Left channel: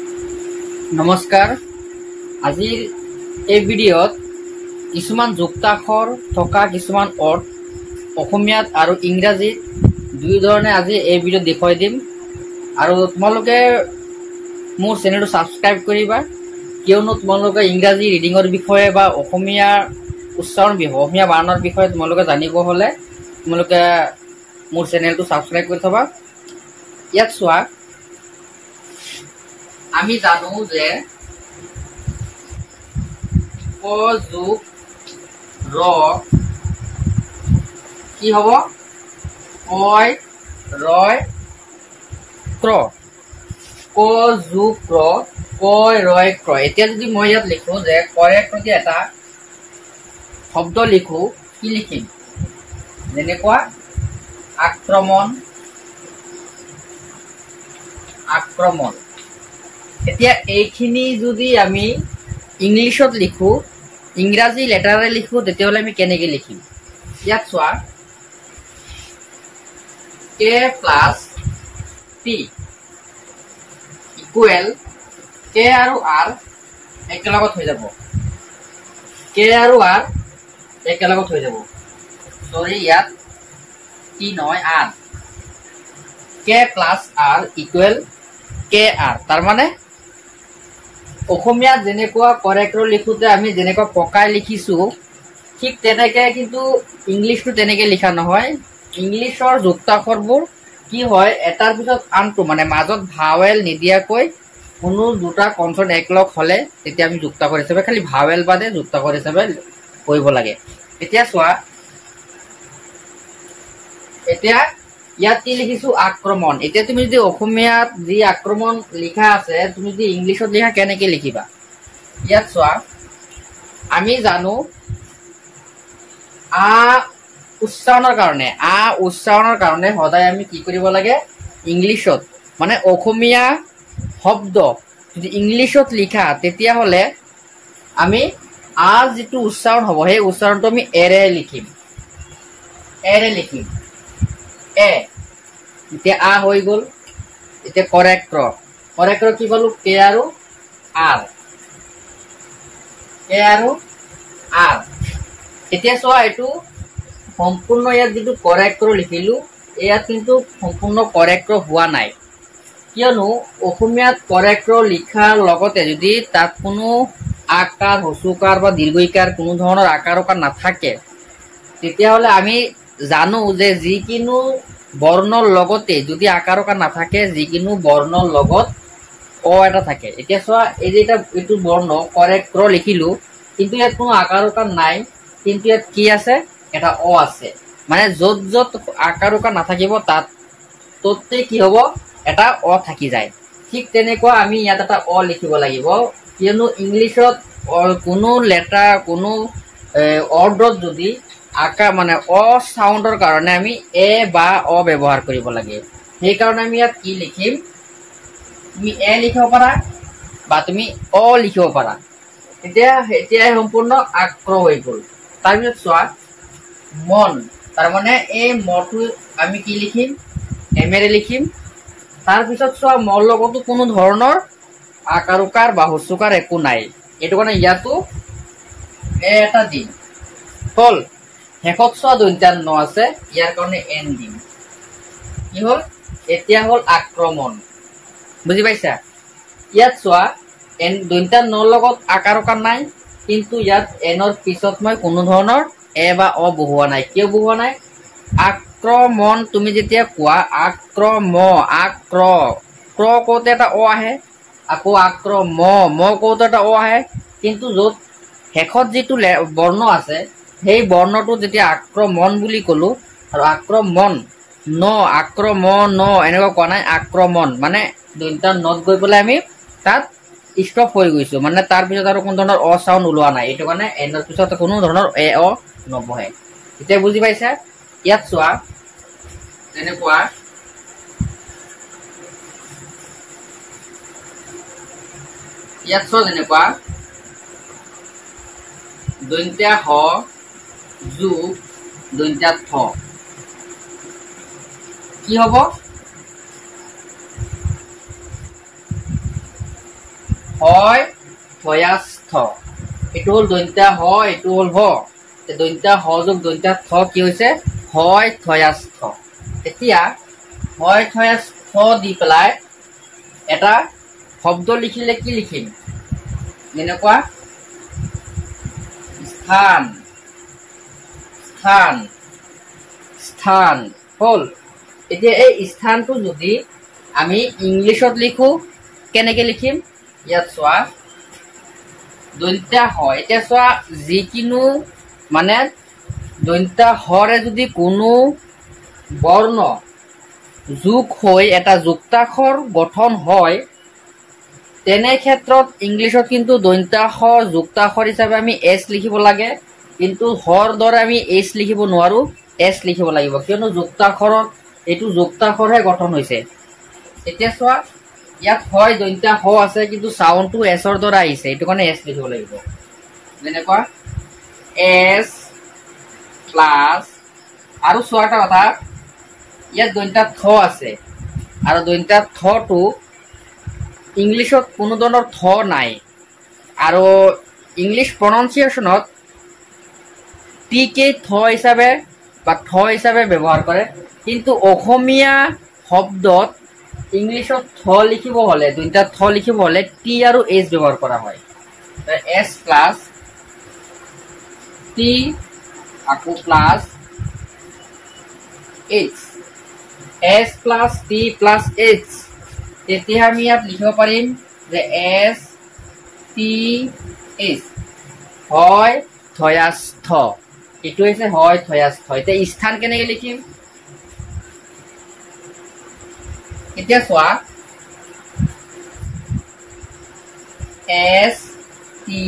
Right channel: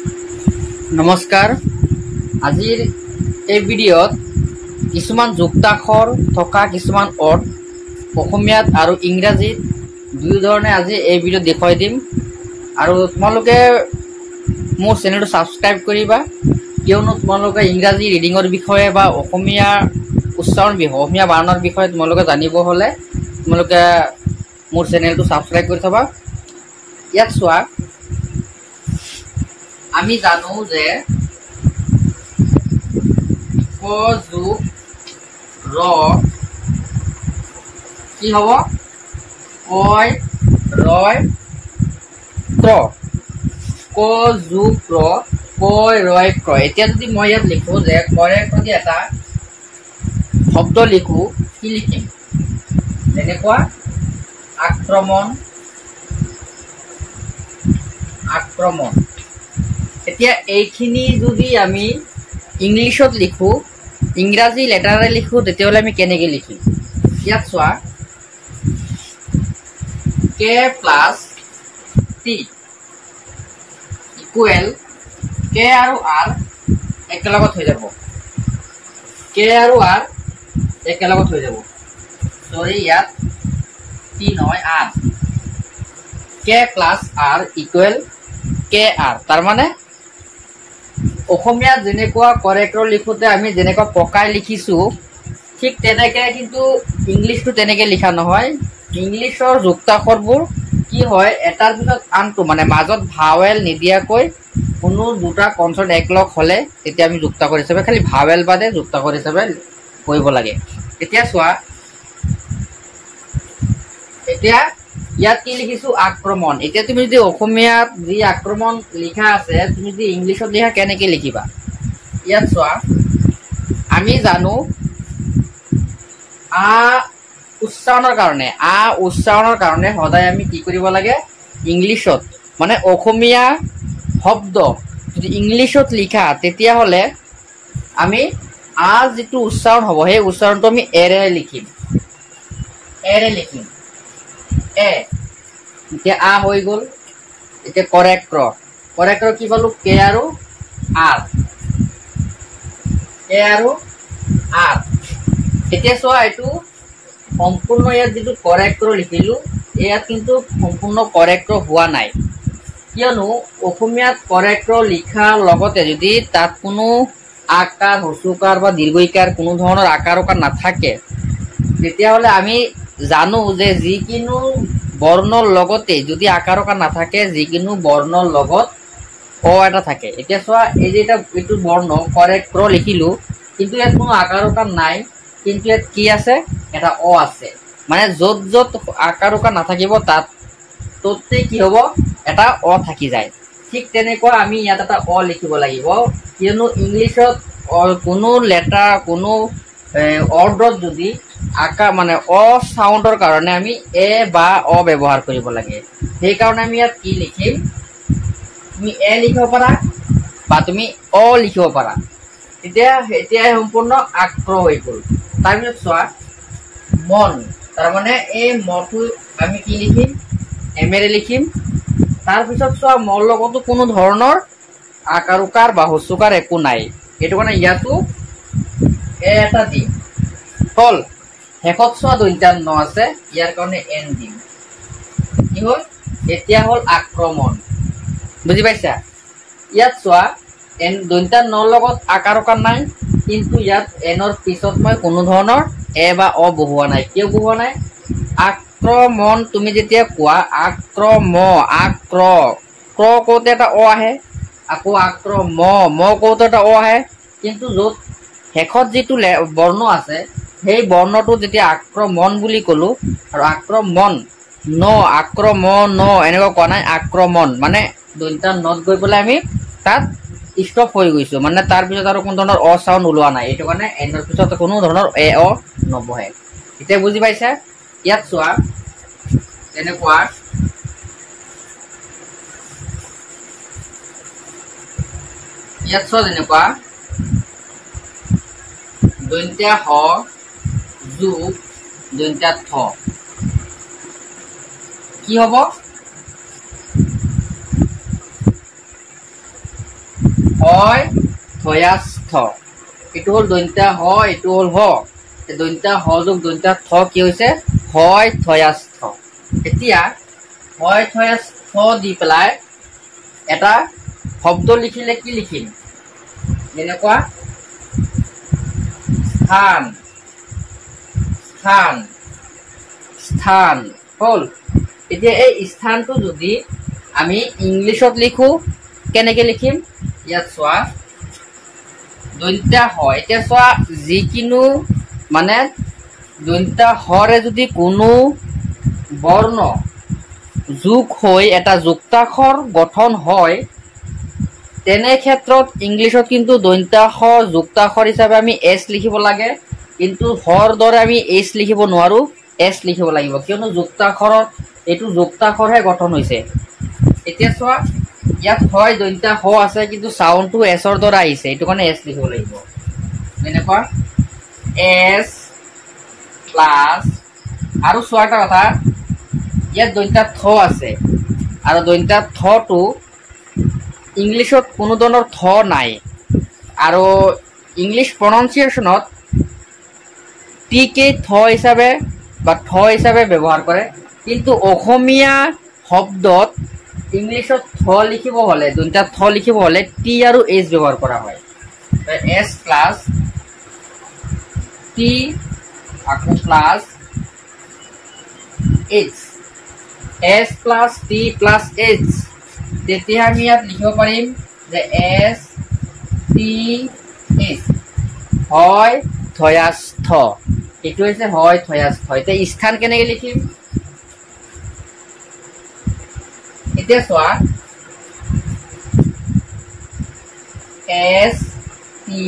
নমস্কাৰ আজিৰ এই ভিডিঅ'ত কিছুমান যুক্তাক্ষৰ থকা কিছুমান অৰ্থ অসমীয়াত আৰু ইংৰাজীত দুই ধৰণে আজি এই ভিডিঅ'ত দেখুৱাই দিম আৰু তোমালোকে মোৰ চেনেলটো সাবস্ক্ৰাইব কৰিবা কিয়নো তোমালোকে ইংৰাজী ৰিডিঙৰ বিষয়ে বা অসমীয়া উচ্চাৰণ বিষয় অসমীয়া বানানৰ বিষয়ে তোমালোকে জানিব হলে তোমালোকে মোৰ চেনেলটো সাবস্ক্ৰাইব কৰি থবা। ইয়াত চোৱা আমি জানো যে ক যোগ ৰ কি হব কয় ৰয় ক্ৰ ক যোগ ৰ কয় ৰয় ক্ৰ। এতিয়া যদি মই ইয়াত লিখো যে কয় প্ৰতি এটা শব্দ লিখো কি লিখিম যেনেকুৱা আক্ৰমণ আক্ৰমণ। এতিয়া এইখিনি যদি আমি ইংলিছত লিখো ইংৰাজী লেটাৰে লিখো তেতিয়াহলে আমি কেনেকে লিখিম ইয়াত চোৱা কে প্লাছ টি ইকুৱেল কে আৰু আৰ একেলগত হৈ যাব কে আৰু আৰ একেলগত হৈ যাব সৰি ইয়াত টি নহয় আৰ কে প্লাছ আৰ ইকুৱেল কে আৰ তাৰ মানে অসমীয়া যেনেকুৱা কৰেক্টৰ লিখোতে আমি যেনেকুৱা পকাই লিখিছো ঠিক তেনেকে কিন্তু ইংলিশটো তেনেকে লিখা নহয়। ইংলিশৰ যুক্তাক্ষৰবোৰ কি হয় এটাৰ পিছত আনটো মানে মাজত ভাৱেল নিদিয়াকৈ কোনো দুটা কনসোনেন্ট একলগ হলে তেতিয়া আমি যুক্তাক্ষৰ হিচাপে খালি ভাৱেল বাদে যুক্তাক্ষৰ হিচাপে কৰিব লাগে। এতিয়া চোৱা এতিয়া ইয়াত কি লিখিছো আক্ৰমণ। এতিয়া তুমি যদি অসমীয়াত যি আক্ৰমণ লিখা আছে তুমি যদি ইংলিশত লিখা কেনেকে লিখিবা ইয়াত চোৱা আমি জানো উচ্চাৰণৰ কাৰণে সদায় আমি কি কৰিব লাগে ইংলিশত মানে অসমীয়া শব্দ যদি ইংলিশত লিখা তেতিয়াহলে আমি যিটো উচ্চাৰণ হ'ব সেই উচ্চাৰণটো আমি এৰে লিখিম এতিয়া হৈ গল এতিয়া কৰেক্টৰ কি পালো কে আৰু আৰ এতিয়া চোৱা এইটো সম্পূৰ্ণ ইয়াত যিটো কৰেক্টৰ লিখিলো ইয়াত কিন্তু সম্পূৰ্ণ কৰেক্টৰ হোৱা নাই কিয়নো অসমীয়াত কৰেক্টৰ লিখাৰ লগতে যদি তাত কোনো আকাৰ হচুকাৰ বা দীৰ্ঘইকাৰ কোনো ধৰণৰ আকাৰ উকাৰ নাথাকে তেতিয়াহলে আমি জানো যে যিকোনো বৰ্ণৰ লগতে যদি আকাৰ উকাৰ নাথাকে যিকোনো বৰ্ণৰ লগত অ এটা থাকে। এতিয়া চোৱা এই যে এইটো বৰ্ণ কৰেক্টৰ লিখিলো কিন্তু ইয়াত কোনো আকাৰ উকাৰ নাই কিন্তু ইয়াত কি আছে এটা অ আছে মানে যত যত আকাৰ উকাৰ নাথাকিব তাত ততে কি হব এটা অ থাকি যায়। ঠিক তেনেকুৱা আমি ইয়াত এটা অ লিখিব লাগিব কিয়নো ইংলিশত কোনো লেটাৰ কোনো অৰ্ডৰত যদি আকাৰ মানে অ সাউণ্ডৰ কাৰণে আমি এ বা অ ব্যৱহাৰ কৰিব লাগে সেইকাৰণে আমি ইয়াত কি লিখিম তুমি এ লিখিব পাৰা বা তুমি অ লিখিব পাৰা। এতিয়া সম্পূৰ্ণ আক্ৰ হৈ গল। তাৰপিছত চোৱা মন তাৰমানে এই মটো আমি কি লিখিম এমেৰে লিখিম। তাৰপিছত চোৱা মৰ লগতো কোনো ধৰণৰ আকাৰ উকাৰ বা হচুকাৰ একো নাই এইটো কাৰণে ইয়াতো এ এটা দিম হল। শেষত চোৱা দন্ত্যান্ন আছে ইয়াৰ কাৰণে এন দিম কি হল এতিয়া হল আক্ৰমণ বুজি পাইছা। ইয়াত চোৱা এন দন্ত্যান্নৰ লগত আকাৰ উকাৰ নাই কিন্তু ইয়াত এনৰ পিছত মই কোনো ধৰণৰ এ বা অ বহুৱা নাই কিয় বহুৱা নাই আক্ৰমণ তুমি যেতিয়া কোৱা ক্ৰ কওঁতে এটা অ আহে আকৌ ম কওঁতে এটা অ আহে কিন্তু য'ত শেষত যিটো বৰ্ণ আছে সেই বৰ্ণটো যেতিয়া আক্ৰমণ বুলি কলো আৰু আক্ৰমণ এনেকুৱা কোৱা নাই আক্ৰমণ মানে দন্ত্যান্নত গৈ পেলাই আমি তাত ষ্টপ হৈ গৈছো মানে তাৰ পিছত আৰু কোনো ধৰণৰ অ চাউণ্ড ওলোৱা নাই এইটো কাৰণে এনৰ পিছত কোনো ধৰণৰ এ অ নবহে। এতিয়া বুজি পাইছা। ইয়াত চোৱা তেনেকুৱা যেনেকুৱা দন্ত্যা হ যোগ দন্ত্যা থ কি হব হয় থয়াস্থ এইটো হল দন্ত্যা হ এইটো হল হ দন্ত্যা হ যোগ দন্ত্যা থ কি হৈছে হয় থয়াস্থ এতিয়া হয় থয়াস্থ দি পেলাই এটা শব্দ লিখিলে কি লিখিম যেনেকুৱা স্থান স্থান স্থান হল এতিয়া এই স্থানটো যদি আমি ইংলিছত লিখো কেনেকে লিখিম ইয়াত চোৱা দন্ত্যা হ এতিয়া চোৱা যিকিনো মানে দন্ত্যা হৰে যদি কোনো বৰ্ণ যোগ হৈ এটা যুক্তাক্ষৰ গঠন হয় তেনে ক্ষেত্ৰত ইংলিছত কিন্তু দন্ত্যা হৰ যুক্তাক্ষৰ হিচাপে আমি এছ লিখিব লাগে কিন্তু হৰ দৰে আমি এইচ লিখিব নোৱাৰো এছ লিখিব লাগিব কিয়নো যুক্তাক্ষৰৰ এইটো যুক্তাক্ষৰহে গঠন হৈছে এতিয়া চোৱা ইয়াত হয় দন্ত্যা হ আছে কিন্তু সাউন্ডটো এছৰ দৰে আহিছে এইটো কাৰণে এছ লিখিব লাগিব যেনেকুৱা এছ প্লাছ আৰু চোৱা এটা কথা ইয়াত দন্ত্যা থ আছে আৰু দন্ত্যা থটো ইংলিছত কোনো ধৰণৰ থ নাই আৰু ইংলিছ প্ৰনাউন্সিয়েশ্যনত টি কে থ হিচাপে বা থ হিচাপে ব্যৱহাৰ কৰে কিন্তু অসমীয়া শব্দত ইংলিছত থ লিখিব হলে দন্ত্যা থ লিখিব হলে টি আৰু এইচ ব্যৱহাৰ কৰা হয় এছ প্লাছ টি আকৌ plus H S plus T plus H তেতিয়া আমি ইয়াত লিখিব পাৰিম যে এছ টি এইচ হয় থয়াস্থ এইটো হৈছে হয় থয়াস্থ এতিয়া স্থান কেনেকে লিখিম এতিয়া চোৱা এছ টি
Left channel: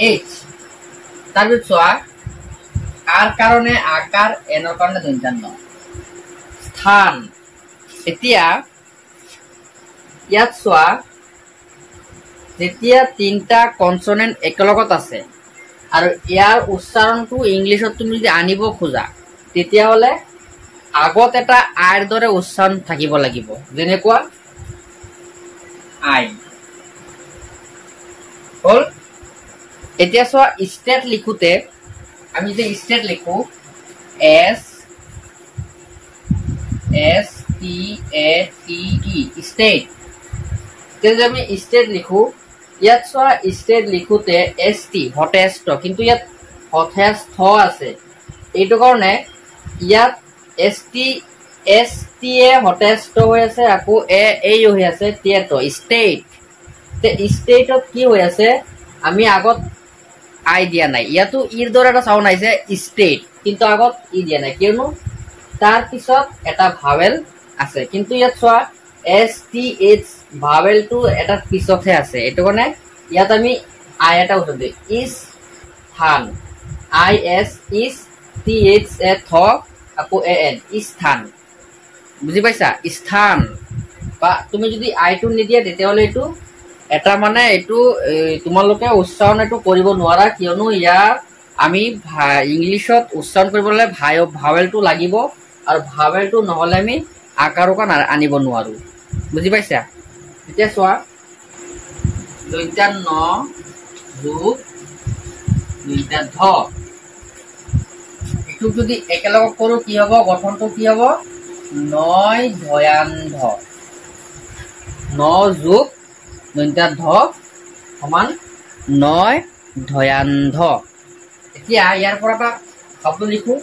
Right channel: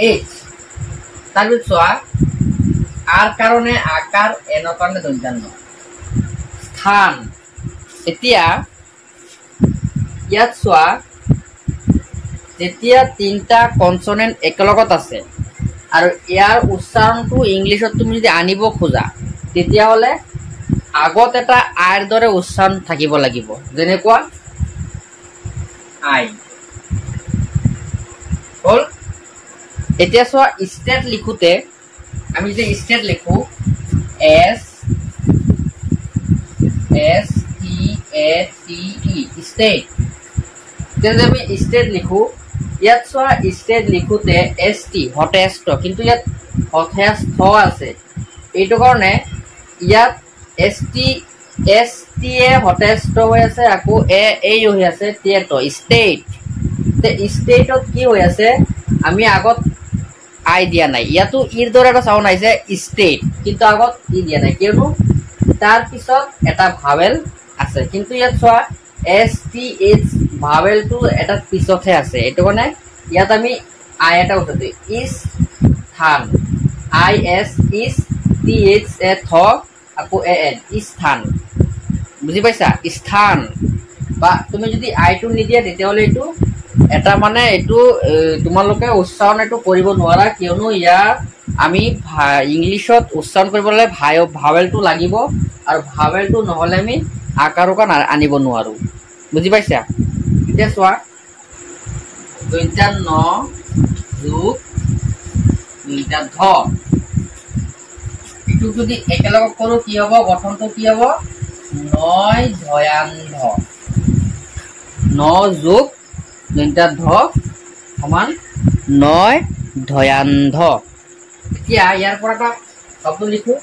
এইচ তাৰপিছত চোৱা আৰ কাৰণে আকাৰ এনৰ কাৰণে দন্ত্যান্ন স্থান এতিয়া ইয়াত চোৱা যেতিয়া তিনিটা কনসনেন্ট একেলগত আছে আৰু ইয়াৰ উচ্চাৰণটো ইংলিছত তুমি যদি আনিব খোজা তেতিয়াহ'লে আগত এটা আইৰ দৰে উচ্চাৰণ থাকিব লাগিব যেনেকুৱা আই হল এতিয়া চোৱা ষ্টেট লিখোতে আমি যে ষ্টেট লিখো এছ এছ টি এ টি ই ষ্টেট যদি আমি ষ্টেট লিখো ইয়াত চোৱা ষ্টেট লিখোতে এছ টি হতেস্থ কিন্তু ইয়াত হতেস্থ আছে এইটো কাৰণে ইয়াত এছ টি এ হতেস্থ হৈ আছে আকৌ এ এই হৈ আছে টিয়েটো ষ্টেট ষ্টেটত কি হৈ আছে আমি আগত আই দিয়া নাই ইয়াতো ইৰ দৰে এটা চাউণ্ড আহিছে ষ্টেট কিন্তু আগত ই দিয়া নাই কিয়নো তাৰ পিছত এটা ভাৱেল আছে কিন্তু ইয়াত চোৱা এছ টি এইচ ভাৱেলটো এটা পিছতহে আছে এইটো কাৰণে ইয়াত আমি আই এটা উঠাইছো ইজ স্থান I S is T H A থ আকৌ এ এন স্থান বুজি পাইছা স্থান বা তুমি যদি আইটো নিদিয়া তেতিয়াহ'লে এইটো এটা মানে এইটো তোমালোকে উচ্চাৰণ এইটো কৰিব নোৱাৰা কিয়নো ইয়াৰ আমি ইংলিছত উচ্চাৰণ কৰিবলৈ ভাৱেলটো লাগিব আৰু ভাৱেলটো নহ'লে আমি আকাৰ উকাৰ আনিব নোৱাৰো বুজি পাইছা এতিয়া চোৱা দন্ত্যা ন যোগ দন্ত্যা ধ এইটো যদি একেলগে কৰো কি হ'ব গঠনটো কি হ'ব নয় ধয়ান্ধ ন যোগ দন্ত্যা ধ সমান নয় ধয়ান্ধ এতিয়া ইয়াৰ পৰা এটা শব্দ লিখো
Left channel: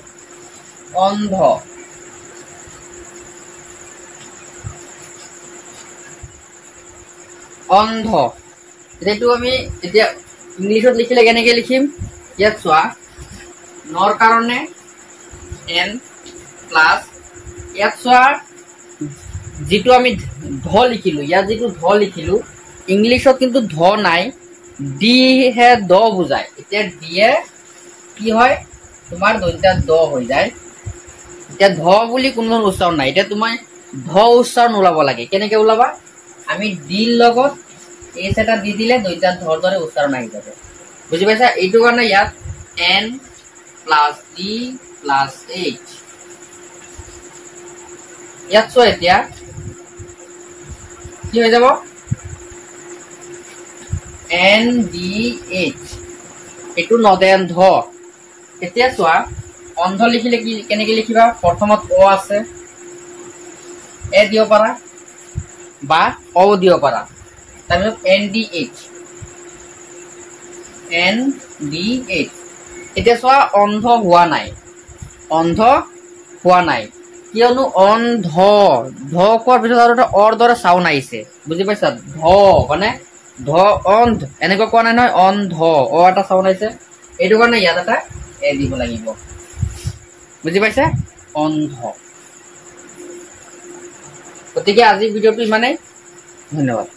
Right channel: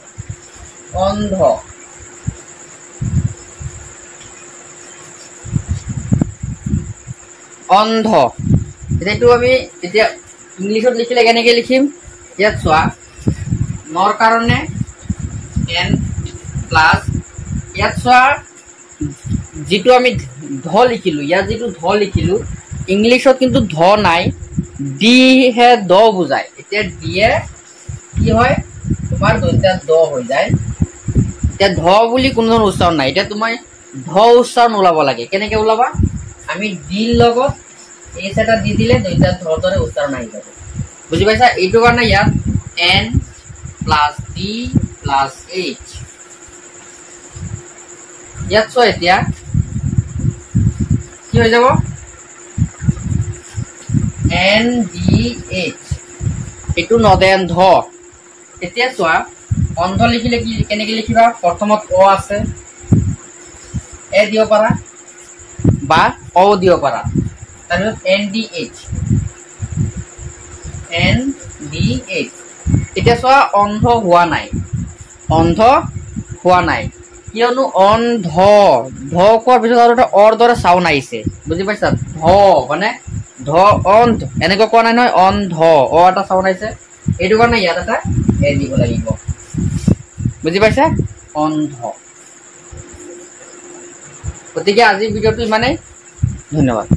অন্ধ অন্ধ এইটো আমি এতিয়া ইংলিছত লিখিলে কেনেকে লিখিম ইয়াত চোৱা নৰ কাৰণে এন প্লাছ ইয়াত চোৱা যিটো আমি ধ লিখিলো ইয়াত যিটো ধ লিখিলো ইংলিছত কিন্তু ধ নাই ডি হে দ বুজায় এতিয়া দিয়ে কি হয় তোমাৰ দন্ত্যা দ হৈ যায় এতিয়া ধ বুলি কোনো ধৰণৰ উচ্চাৰণ নাই এতিয়া তোমাৰ ধ উচ্চাৰণ ওলাব লাগে কেনেকে ওলাবা আমি ডিৰ লগত এইচ এটা দি দিলে দন্ত্যা ধৰ দৰে উচ্চাৰণ আহি যাব বুজি পাইছা এইটো কাৰণে ইয়াত N plus D plus H ইয়াত চোৱা এতিয়া কি হৈ যাব NDH এইটো নদেন ধ এতিয়া চোৱা অন্ধ লিখিলে কি কেনেকে লিখিবা প্ৰথমত অ আছে এ দিব পাৰা বা অ দিব পাৰা তাৰপিছত NDH এতিয়া চোৱা অন্ধ হোৱা নাই কিয়নো অন্ধ ধ কোৱাৰ পিছত আৰু এটা অৰ দৰে চাউণ্ড আহিছে বুজি পাইছা ধ মানে ধ অন্ধ এনেকৈ কোৱা নাই নহয় অন্ধ অ এটা চাউণ্ড আহিছে এইটো কাৰণে ইয়াত এটা এ দিব লাগিব বুজি পাইছা অন্ধ গতিকে আজিৰ ভিডিঅ'টো ইমানেই ধন্যবাদ